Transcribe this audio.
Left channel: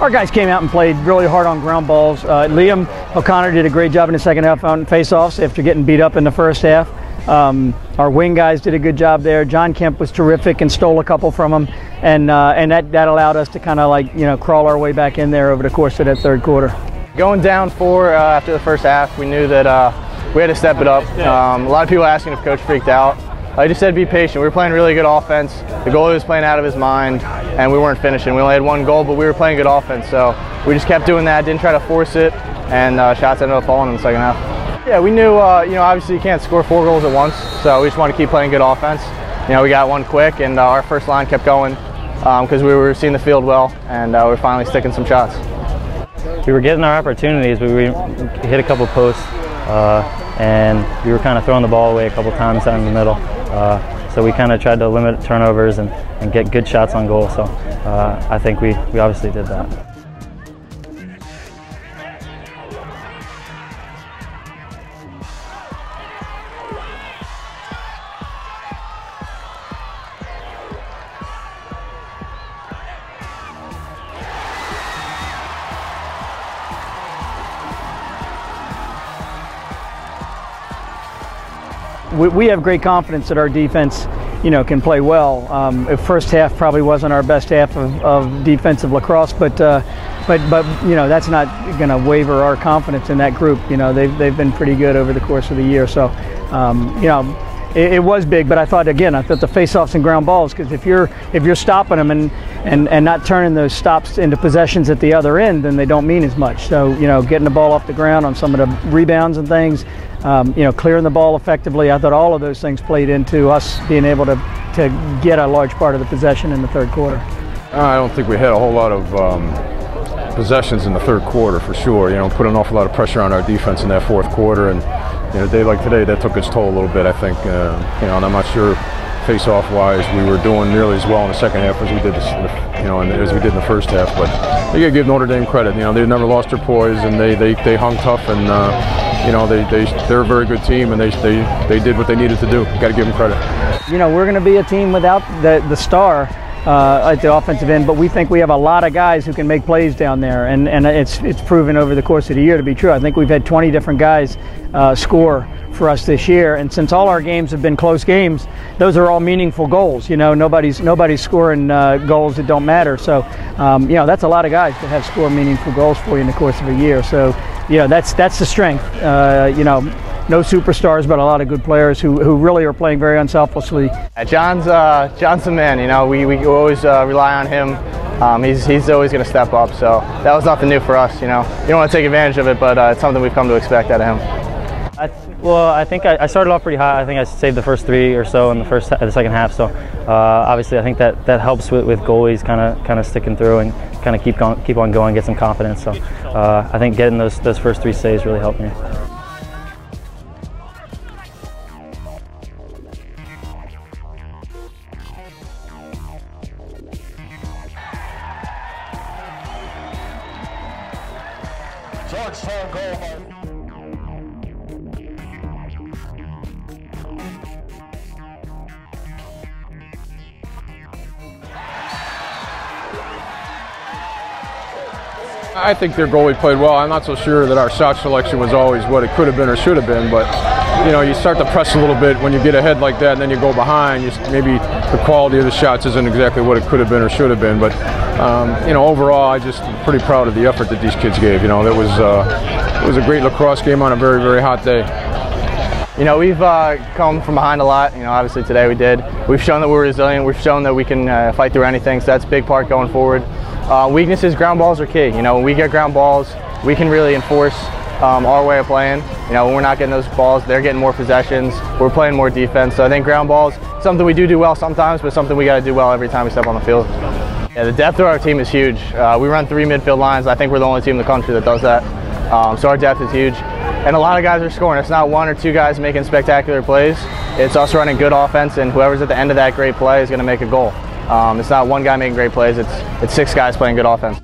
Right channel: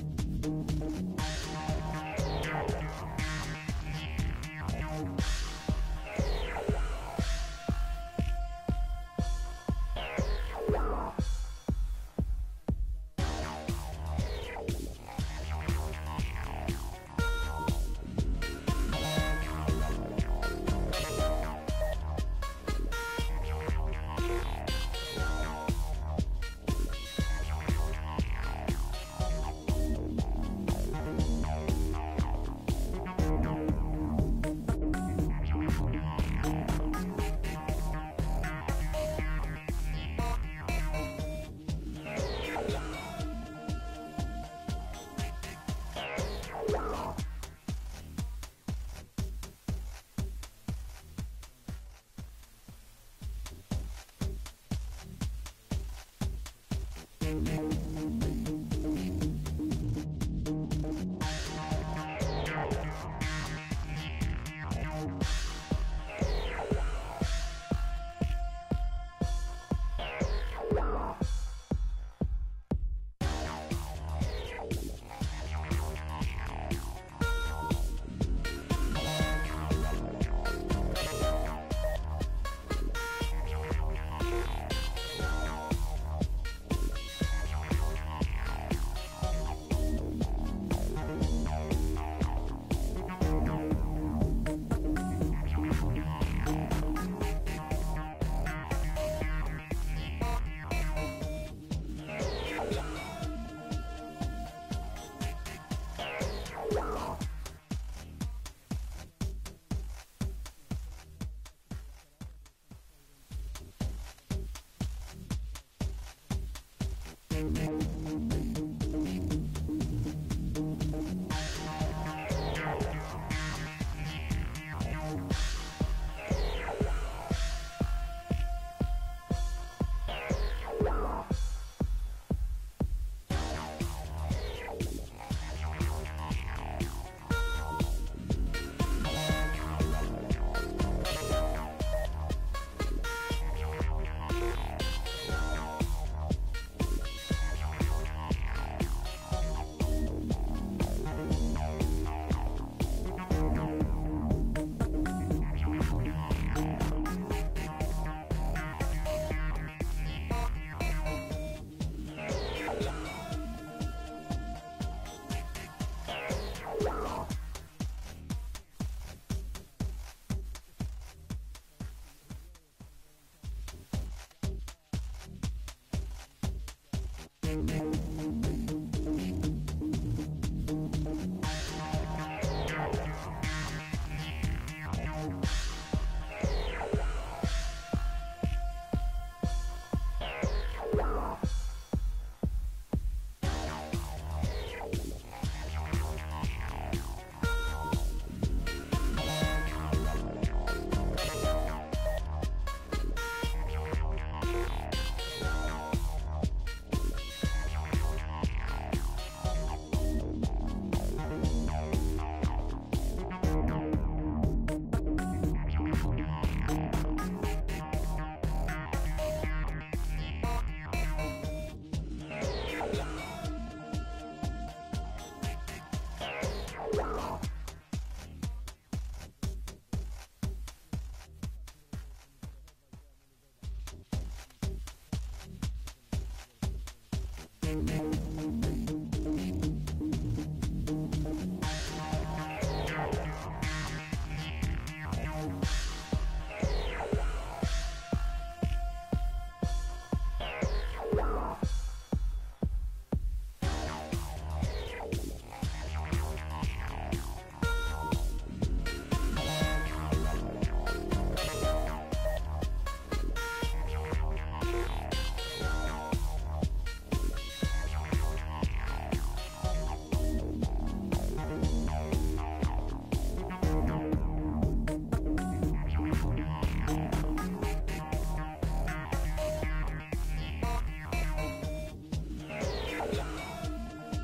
our guys came out and played really hard on ground balls. Liam O'Connor did a great job in the second half on face-offs after getting beat up in the first half. Our wing guys did a good job there. John Kemp was terrific and stole a couple from him, and that allowed us to kind of like, you know, crawl our way back in there over the course of that third quarter. Going down 4 after the first half, we knew that we had to step it up. A lot of people asking if coach freaked out. I just said be patient. We were playing really good offense. The goalie was playing out of his mind, and we weren't finishing. We only had 1 goal, but we were playing good offense. So we just kept doing that, didn't try to force it, and shots ended up falling in the second half. Yeah, we knew, you know, obviously you can't score 4 goals at once, so we just want to keep playing good offense. You know, we got 1 quick, and our first line kept going because we were seeing the field well, and we were finally sticking some shots. We were getting our opportunities, but we hit a couple posts, and we were kind of throwing the ball away a couple times down in the middle. So we kind of tried to limit turnovers and get good shots on goal. So I think we obviously did that. We have great confidence that our defense, you know, can play well. The first half probably wasn't our best half of defensive lacrosse, but you know, that's not going to waver our confidence in that group. You know, they've been pretty good over the course of the year. So, you know, it was big, but I thought the face-offs and ground balls, because if you're stopping them and not turning those stops into possessions at the other end, then they don't mean as much. So, you know, getting the ball off the ground on some of the rebounds and things, you know, clearing the ball effectively, I thought all of those things played into us being able to get a large part of the possession in the third quarter. I don't think we had a whole lot of possessions in the third quarter for sure. You know, put an awful lot of pressure on our defense in that fourth quarter, and you know, a day like today, that took its toll a little bit, I think. You know, and I'm not sure face-off wise we were doing nearly as well in the second half as we did as we did in the first half. But you gotta give Notre Dame credit. You know, they never lost their poise, and they hung tough, and you know, they're a very good team, and they did what they needed to do. You got to give them credit. You know, we're going to be a team without the star at the offensive end, but we think we have a lot of guys who can make plays down there, and it's proven over the course of the year to be true. I think we've had 20 different guys score for us this year, and since all our games have been close games, those are all meaningful goals. You know, nobody's scoring goals that don't matter. So, you know, that's a lot of guys that have scored meaningful goals for you in the course of a year. So, you know, that's the strength. You know, no superstars, but a lot of good players who really are playing very unselfishly. John's the man. You know, we always rely on him. He's always going to step up. So that was nothing new for us. You know, you don't want to take advantage of it, but it's something we've come to expect out of him. Well, I think I started off pretty high. I think I saved the first 3 or so in the second half. So obviously, I think that helps with goalies kind of sticking through and kind of keep on going, get some confidence. So I think getting those first 3 saves really helped me. I think their goalie played well. I'm not so sure that our shot selection was always what it could have been or should have been, but you know, you start to press a little bit when you get ahead like that, and then you go behind. Maybe the quality of the shots isn't exactly what it could have been or should have been, but you know, overall, I'm just pretty proud of the effort that these kids gave. You know, it was a great lacrosse game on a very, very hot day. You know, we've come from behind a lot. You know, obviously today we did. We've shown that we're resilient. We've shown that we can fight through anything. So that's a big part going forward. Weaknesses, ground balls are key. You know, when we get ground balls, we can really enforce our way of playing. You know, when we're not getting those balls, they're getting more possessions. We're playing more defense. So I think ground balls, something we do well sometimes, but something we got to do well every time we step on the field. Yeah, the depth of our team is huge. We run 3 midfield lines. I think we're the only team in the country that does that. So our depth is huge. And a lot of guys are scoring. It's not 1 or 2 guys making spectacular plays. It's us running good offense, and whoever's at the end of that great play is going to make a goal. It's not 1 guy making great plays. It's 6 guys playing good offense.